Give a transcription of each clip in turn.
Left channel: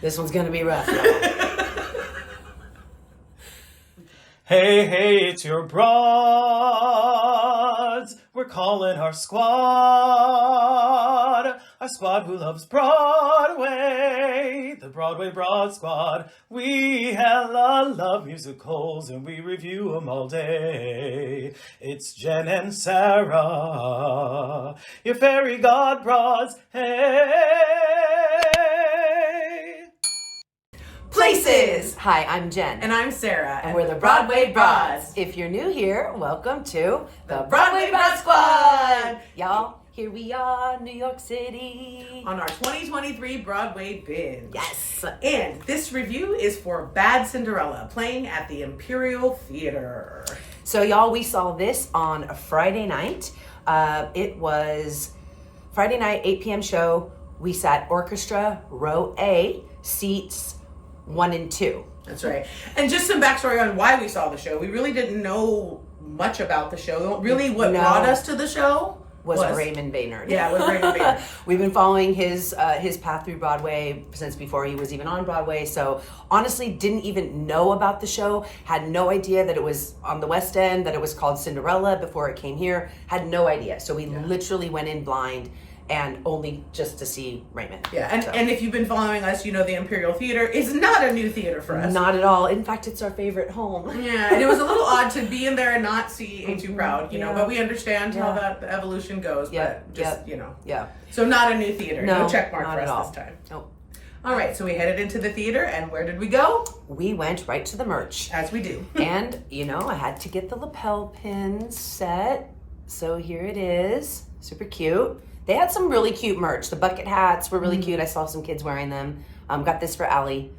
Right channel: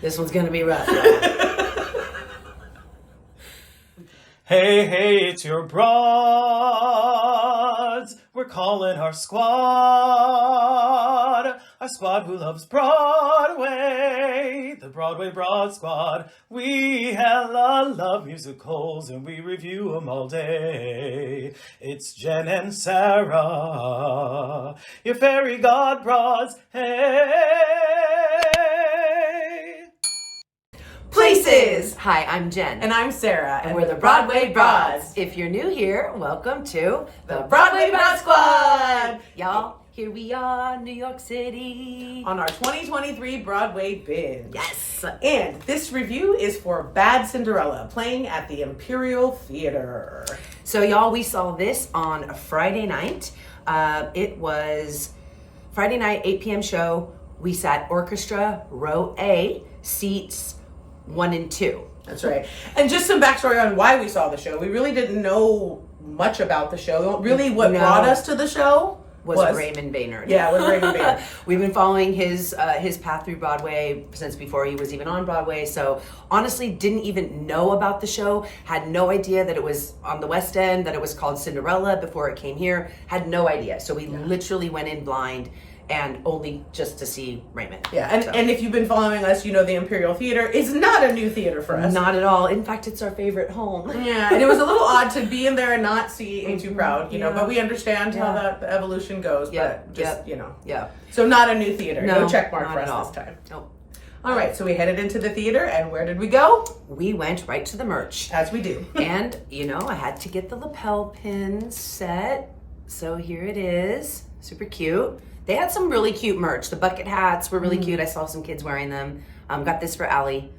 This one's gonna be rough, y'all. Hey, it's your broads. We're calling our squad who loves Broadway, the Broadway Broad Squad. We hella love musicals and we review them all day. It's Jen and Sarah, your fairy god broads. Hey. Places! Hi, I'm Jen. And I'm Sarah. And we're the Broadway Broads. If you're new here, welcome to the Broadway Broad Squad! Y'all, here we are, New York City. On our 2023 Broadway binge. Yes. And this review is for Bad Cinderella, playing at the Imperial Theater. So y'all, we saw this on a Friday night. It was Friday night, 8 p.m. show. We sat orchestra, row A, seats 1 and 2. That's right. And just some backstory on why we saw the show. We really didn't know much about the show. Really, what brought us to the show was Raymond Baynard. Yeah, it was Raymond Baynard. We've been following his path through Broadway since before he was even on Broadway. So honestly, didn't even know about the show. Had no idea that it was on the West End, that it was called Cinderella before it came here. Had no idea. So we literally went in blind and only just to see Raymond. Yeah, and if you've been following us, you know the Imperial Theater is not a new theater for us. Not at all. In fact, it's our favorite home. Yeah, and it was a little odd to be in there and not see Ain't Too Proud, you know, but we understand how that the evolution goes, but just, you know. Yeah. So not a new theater. No check mark not for at us all. this time. Nope. All right, so we headed into the theater, and where did we go? We went right to the merch. As we do. And, you know, I had to get the lapel pin set. So here it is. Super cute. They had some really cute merch. The bucket hats were really cute. I saw some kids wearing them. Got this for Allie.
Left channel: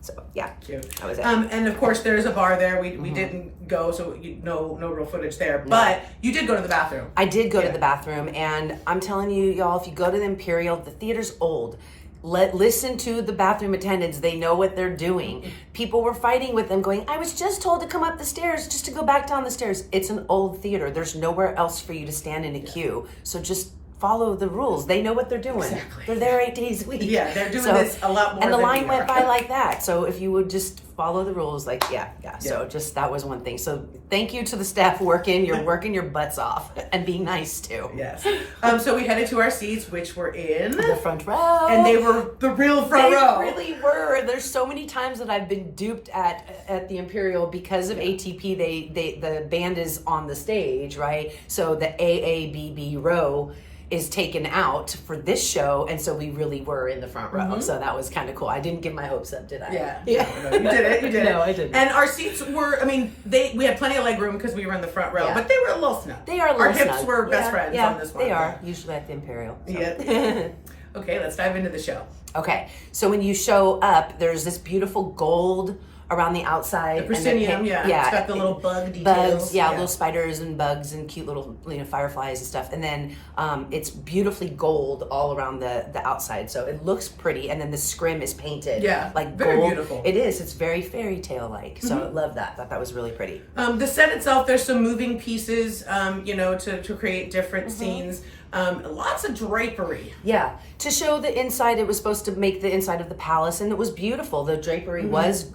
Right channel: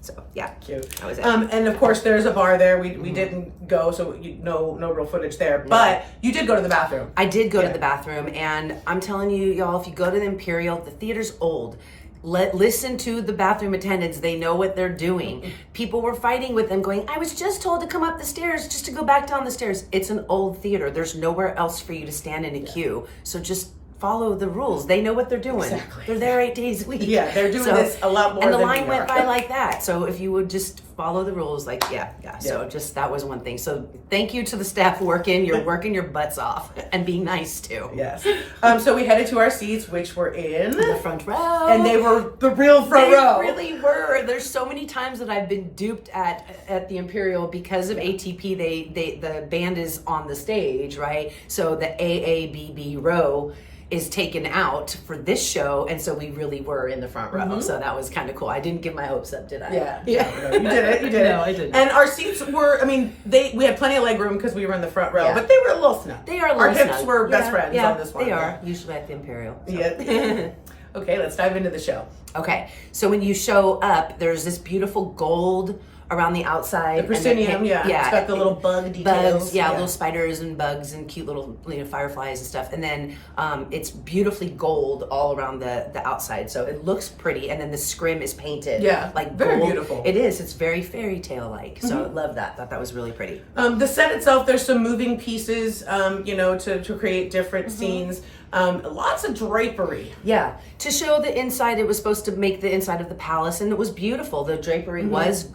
So yeah, cute. That was it. And of course, there's a bar there. We didn't go, so no real footage there. But you did go to the bathroom. I did go to the bathroom, and I'm telling you, y'all, if you go to the Imperial, the theater's old. Listen to the bathroom attendants. They know what they're doing. People were fighting with them going, I was just told to come up the stairs just to go back down the stairs. It's an old theater. There's nowhere else for you to stand in a queue. So just follow the rules. They know what they're doing. Exactly. They're there 8 days a week. Yeah, they're doing this a lot more and the than line we went are. by like that. So if you would just follow the rules, like, So just, that was one thing. So thank you to the staff working. You're working your butts off and being nice too. Yes. So we headed to our seats, which were in the front row. And they were the real front row. They really were. There's so many times that I've been duped at the Imperial because of ATP. The band is on the stage, right? So the AABB row is taken out for this show, and so we really were in the front row. So that was kind of cool. I didn't get my hopes up, did I? Yeah. Yeah. No, you did it. You did it. No, I didn't. And our seats were, I mean, we had plenty of leg room because we were in the front row, but they were a little snug. They are a little Our hips snug. were best friends on this one. They are, usually at the Imperial. So. Yeah. Okay, let's dive into the show. Okay, so when you show up, there's this beautiful gold around the outside. The proscenium, it's got the little bug details. Bugs, little spiders and bugs and cute little fireflies and stuff. And then it's beautifully gold all around the outside, so it looks pretty. And then the scrim is painted, like very gold. beautiful. It is. It's very fairy tale like. So I love that. Thought that was really pretty. The set itself, there's some moving pieces, to create different scenes. Lots of drapery. Yeah, to show the inside, it was supposed to make the inside of the palace, and it was beautiful. The drapery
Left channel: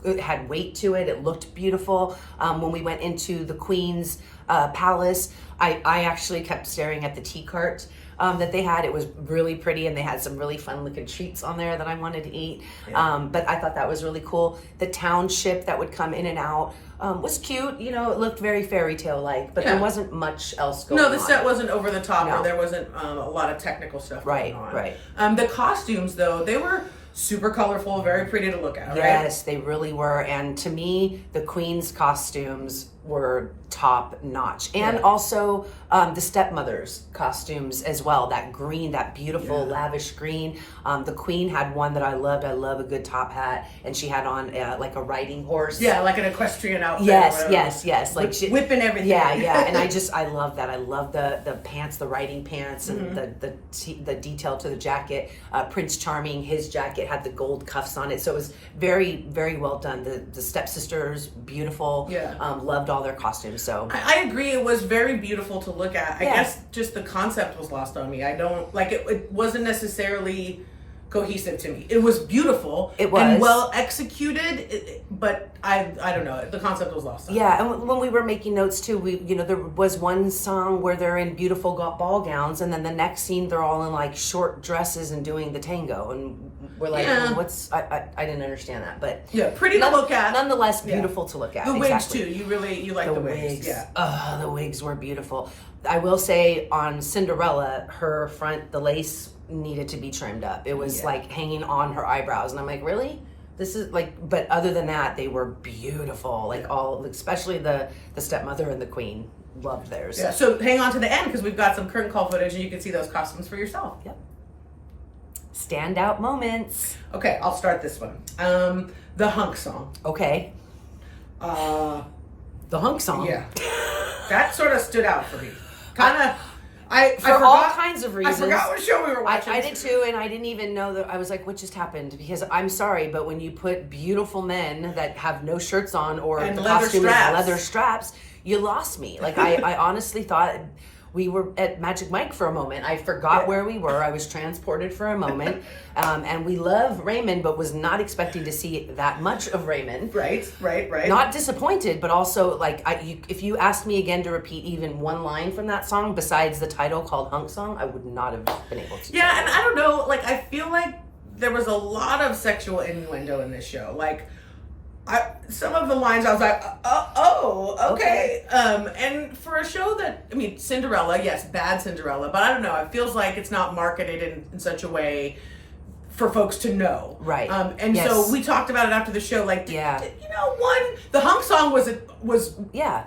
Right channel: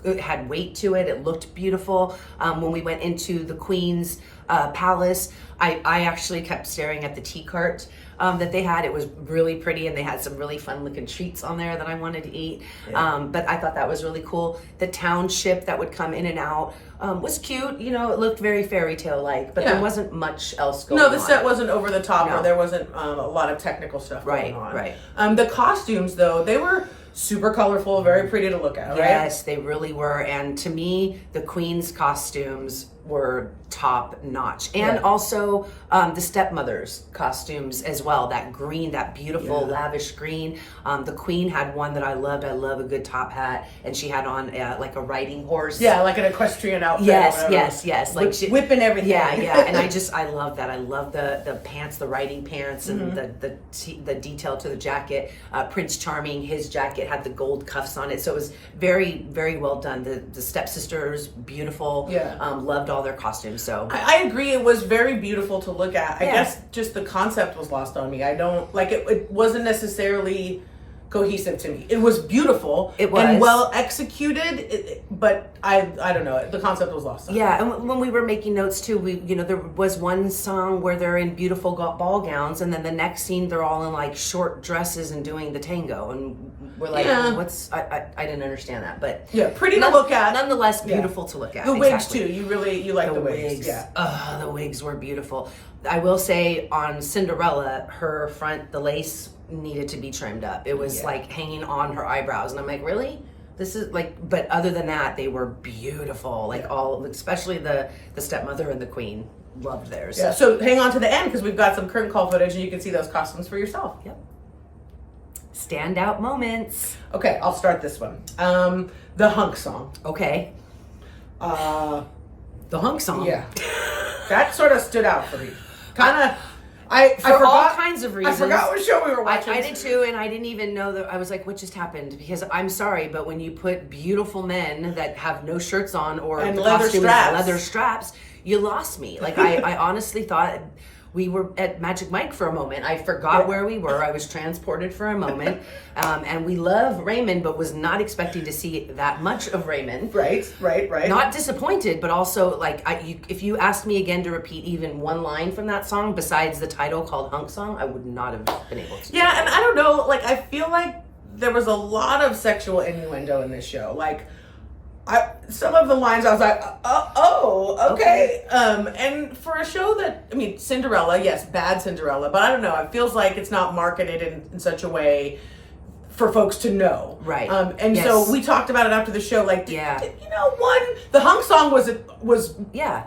it had weight to it. It looked beautiful. When we went into the Queen's palace, I actually kept staring at the tea cart that they had. It was really pretty, and they had some really fun looking treats on there that I wanted to eat. But I thought that was really cool. The township that would come in and out was cute. You know, it looked very fairy tale like, but there wasn't much else going on. No, the set wasn't over the top, or there wasn't a lot of technical stuff going on. Right. The costumes, though, they were super colorful, very pretty to look at, right? Yes, they really were. And to me, the Queen's costumes were top notch. And also the stepmother's costumes as well. That green, that beautiful lavish green. The Queen had one that I loved. I love a good top hat. And she had on like a riding horse. Yeah, like an equestrian outfit. Yes. Like whipping everything. Yeah. And I love that. I love the pants, the riding pants, and the detail to the jacket. Prince Charming, his jacket had the gold cuffs on it. So it was very, very well done. The stepsisters, beautiful. Loved all their costumes. So I agree. It was very beautiful to look at. I guess just the concept was lost on me. I don't like it. It wasn't necessarily cohesive to me. It was beautiful. It was. And well executed, but I don't know. The concept was lost on me. Yeah, and when we were making notes too, there was one song where they're in beautiful ball gowns, and then the next scene they're all in like short dresses and doing the tango, and we're like, what's? I didn't understand that, but yeah, pretty to look at. Nonetheless, beautiful to look at. The wigs too. You like the wigs. Yeah. The wigs were beautiful. I will say on Cinderella, her front, the lace needed to be trimmed up. It was like hanging on her eyebrows, and I'm like, really? This is like, but other than that, they were beautiful. Like all, especially the stepmother and the queen, loved theirs. Yeah. So hang on to the end because we've got some curtain call footage, and you can see those costumes for yourself. Yep. Standout moments. Okay, I'll start this one. The hunk song. Okay. The hunk song. Yeah. That sort of stood out for me. Kind of. I For forgot, all kinds of reasons. I forgot what show we were watching. I did too, and I didn't even know that. I was like, what just happened? Because I'm sorry, but when you put beautiful men that have no shirts on or and the leather costume straps. is leather straps, you lost me. Like, I honestly thought we were at Magic Mike for a moment. I forgot where we were. I was transported for a moment. And we love Raymond, but was not expecting to see that much of Raymond. Right. Not disappointed, but also like if you asked me again to repeat even one line from that song besides the title called Hunk Song, I would not have been able to. Yeah, and I don't know, like I feel like there was a lot of sexual innuendo in this show. Like some of the lines I was like, okay. And for a show that, I mean, Cinderella, yes, Bad Cinderella, but I don't know, it feels like it's not marketed in such a way for folks to know. Right. And so we talked about it after the show, like, the hunk song was great. Yeah.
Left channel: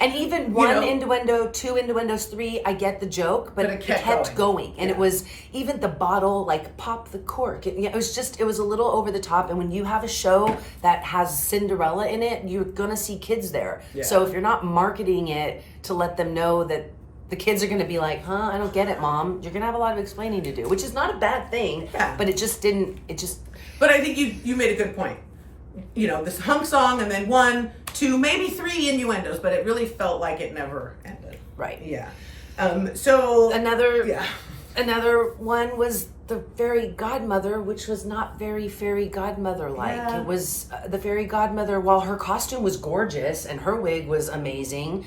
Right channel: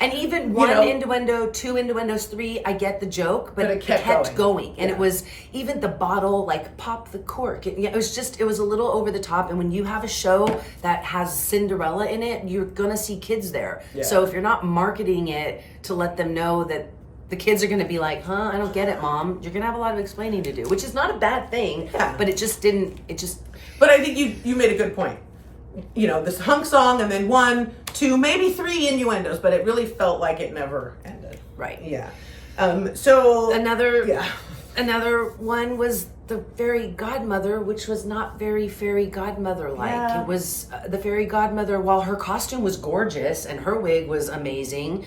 And even one innuendo, two innuendos, three, I get the joke, but it kept going. And it was even the bottle, like pop the cork. It was a little over the top. And when you have a show that has Cinderella in it, you're gonna see kids there. Yeah. So if you're not marketing it to let them know that the kids are going to be like, I don't get it, Mom. You're going to have a lot of explaining to do, which is not a bad thing, but it just didn't, But I think you made a good point. This hunk song and then 1, 2, maybe 3 innuendos, but it really felt like it never ended. Right. Yeah. So another one was the fairy godmother, which was not very fairy godmother-like. Yeah. It was the fairy godmother, while her costume was gorgeous and her wig was amazing,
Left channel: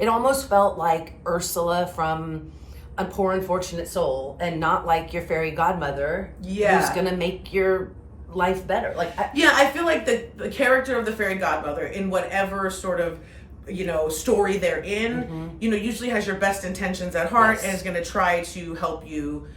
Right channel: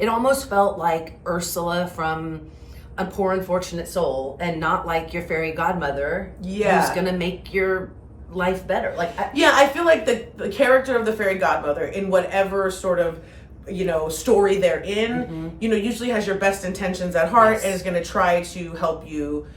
it almost felt like Ursula from A Poor Unfortunate Soul, and not like your fairy godmother who's gonna make your life better. I feel like the character of the fairy godmother, in whatever sort of story they're in, usually has your best intentions at heart and is going to try to help you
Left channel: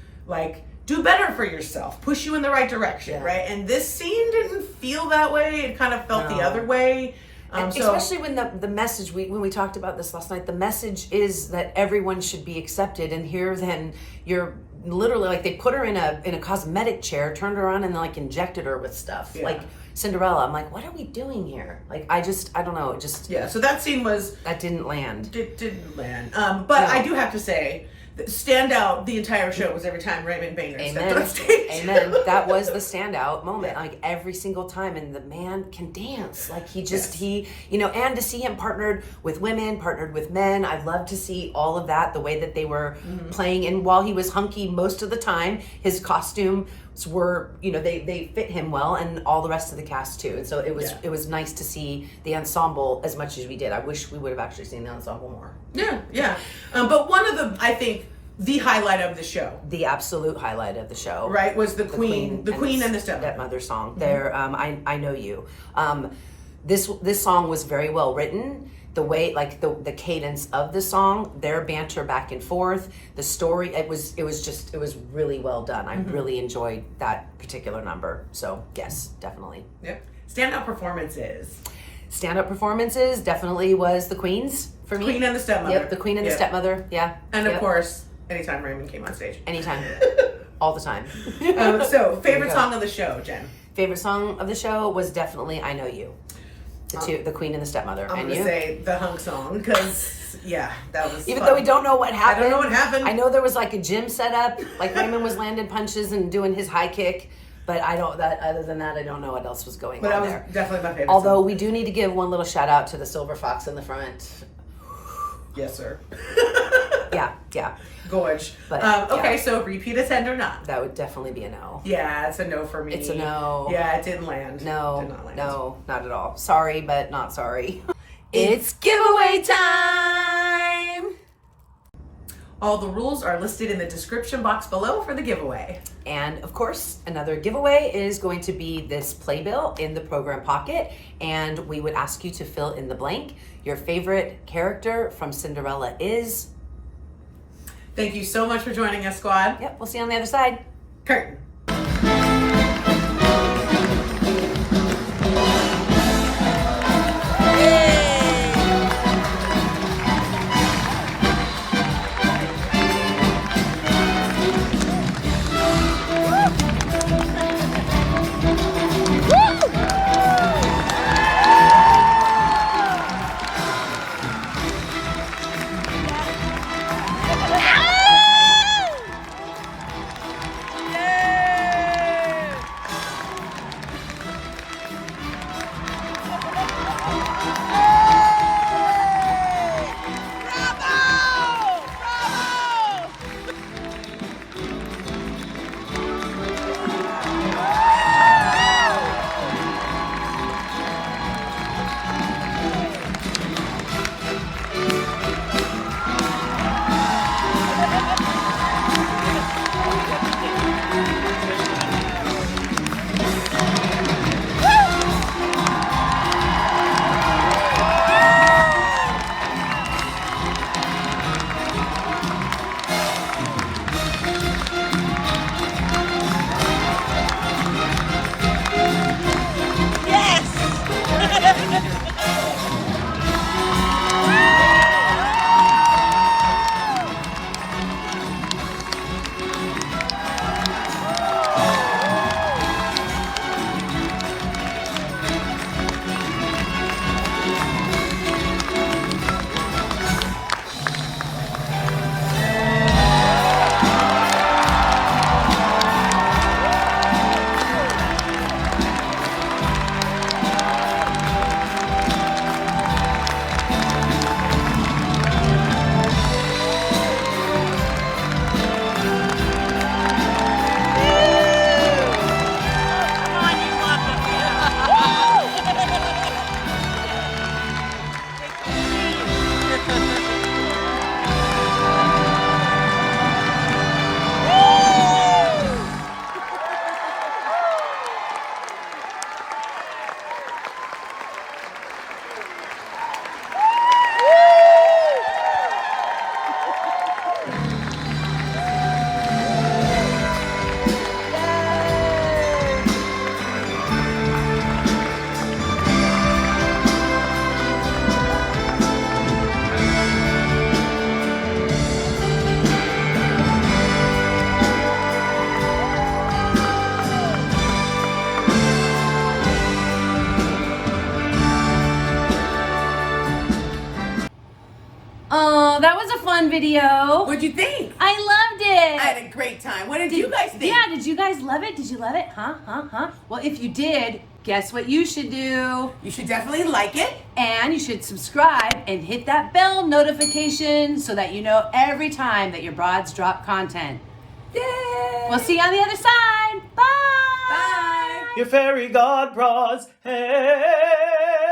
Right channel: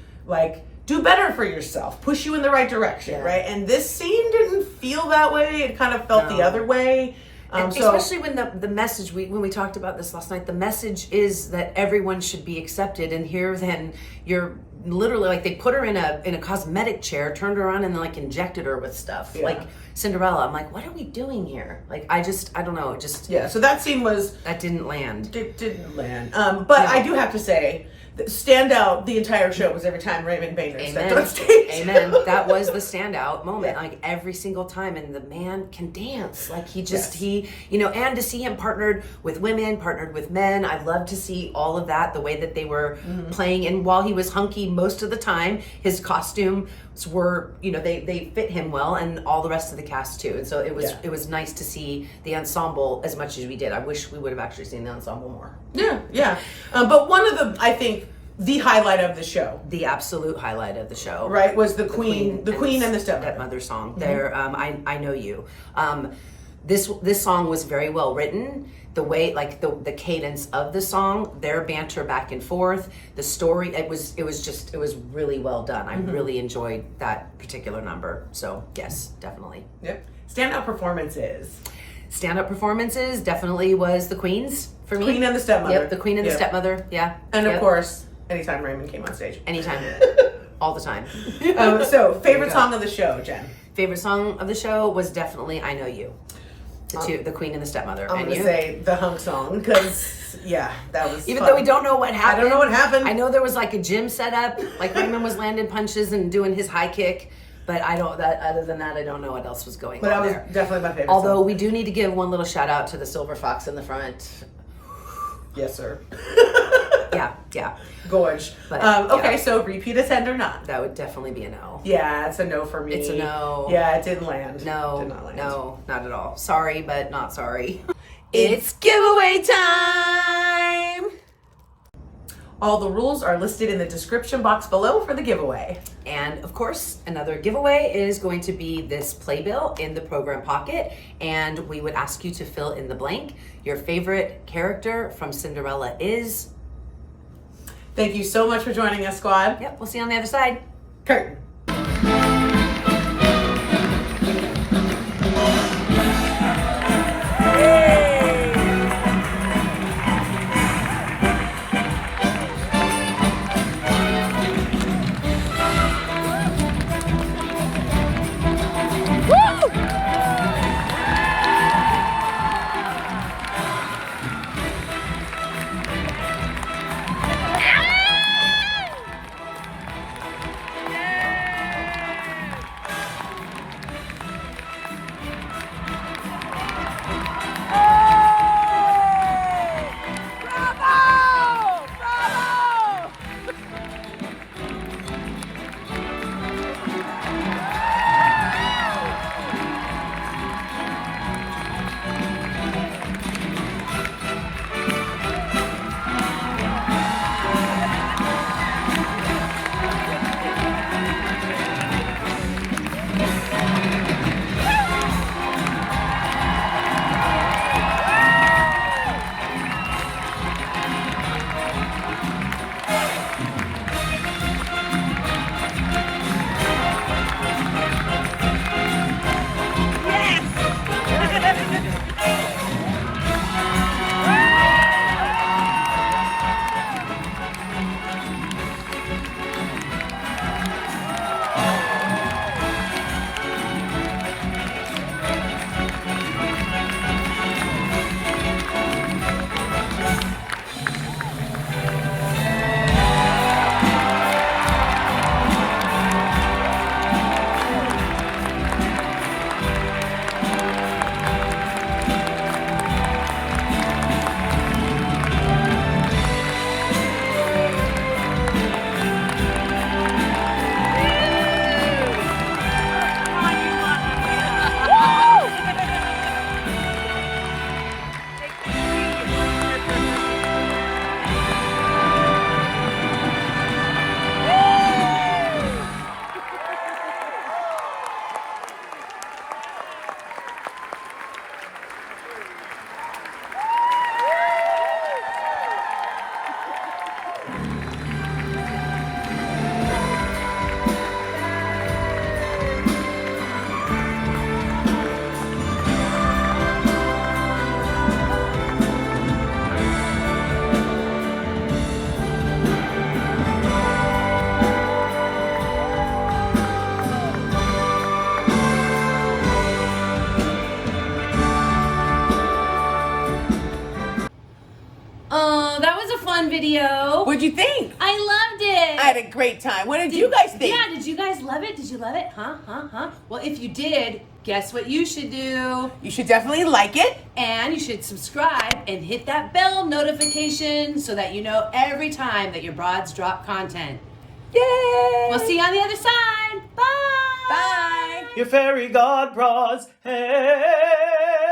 do better for yourself, push you in the right direction, right? And this scene didn't feel that way. It kind of felt the other way. Especially when the message, when we talked about this last night, the message is that everyone should be accepted, and here then you're literally like, they put her in a cosmetic chair, turned her on, and then injected her with stuff like Cinderella. I'm like, what are we doing here? I don't know, so that scene that didn't land. It didn't land. But I do have to say, standout the entire show was every time Raymond Boehner stepped on stage. Amen. That was the standout moment, every single time. And the man can dance. And to see him partnered with women, partnered with men. I love to see all of that, the way that they were playing. And while he was hunky most of the time, his costumes were, they fit him well, and all the rest of the cast too. And so it was nice to see the ensemble as much as we did. I wish we would have actually seen the ensemble more. Yeah. But one of the highlight of the show, the absolute highlight of the show, right, was the queen and the stepmother song. There, I know you. This song was very well written. The way, the cadence of the song, their banter back and forth, the story, it was really well done. I really enjoyed that particular number. So yes, definitely. Yep. Standout performances definitely was the Queen's for me. Queen and the stepmother. Yep, the Queen and the stepmother. Yeah. And of course, anytime Raymond came on stage. Anytime. All the time. So favorite song of the show, Jen? Favorite song of the show was definitely I Know You. The Queen and the Stepmother. I'm going to say the hunk song, because, that was Even though we don't know what happened. I don't know what happened. I know there was a gym set up, Raymond was landing punches and doing his high kick, but other than that, I don't know what else was going on there. But that was definitely my favorite Although song. We do need to give one little shout out to the silver fox in the front. Yes, sir. Yeah. Gorge. But, Okay, yeah. so repeat attend or not? That would definitely be a no. Yeah, it's a no for me. It's a no. Yeah, it didn't land. No, Did not land. no, not at all. Sorry, but not sorry. It's giveaway time! All the rules are listed in the description box below for the giveaway. And of course, another giveaway is going to be this playbill in the program pocket. And we would ask you to fill in the blank. Your favorite character from Cinderella is... Thank you so much for joining us, squad. Yep, we'll see you on the other side. Curtain. That was a fun video. What'd you think? I loved it. I had a great time. What did you guys think? Yeah, did you guys love it? Did you love it? Huh? Well, if you did, guess what you should do? You should definitely like it. And you should subscribe and hit that bell notification so that you know every time that your broads drop content. Yay! We'll see you on the other side. Bye. Bye. Your fairy god bras, hey.